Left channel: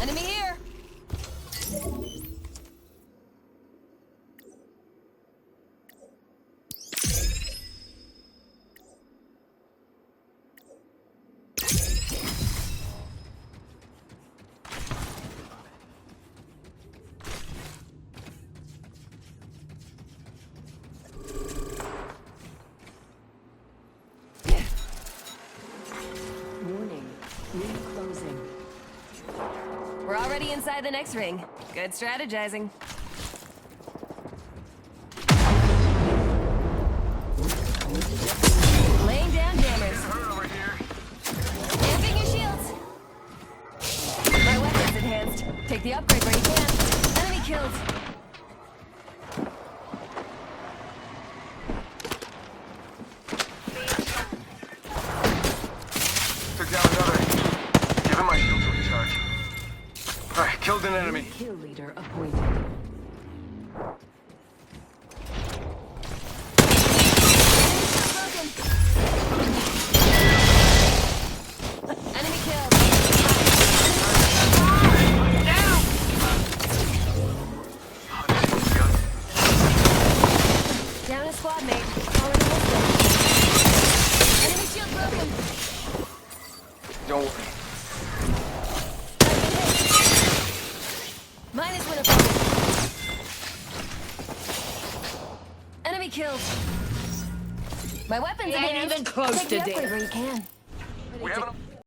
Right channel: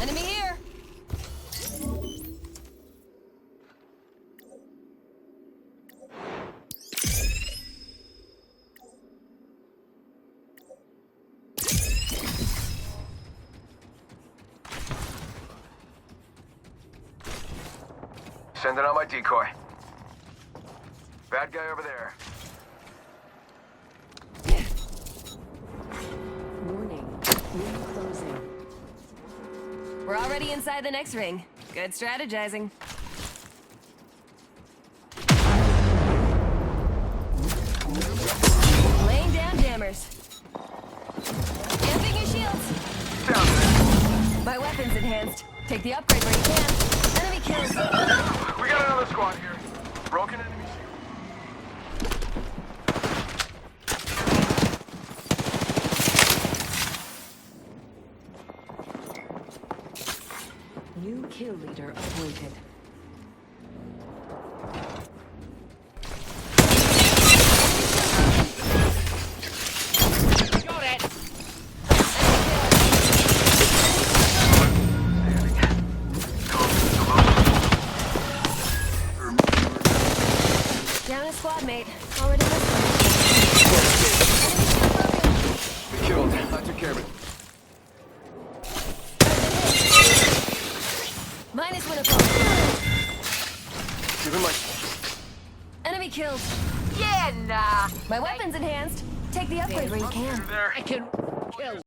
Enemy here! Sending out my decoy. Bad guy over there. Warning. Ring closing. We're already inside the next ring. Good strategizing. Laying down jammers. Amping your shields. My weapon's enhanced. Take the upgrade where you can. Enemy kills. We got another squad here. Broken it. Took down another. Give him my shield to recharge. Alright, killed an enemy. New kill leader appointed. Down a squad mate. Already missed one. Enemy shield broken. Killed. I took care of it, don't worry. I've been hit. Minus one opponent. Give him my... Enemy killed. Yeah, nah. My weapon's I ain't enhanced. even close Take the to upgrade dead. where you can. There. I can We have an... kill.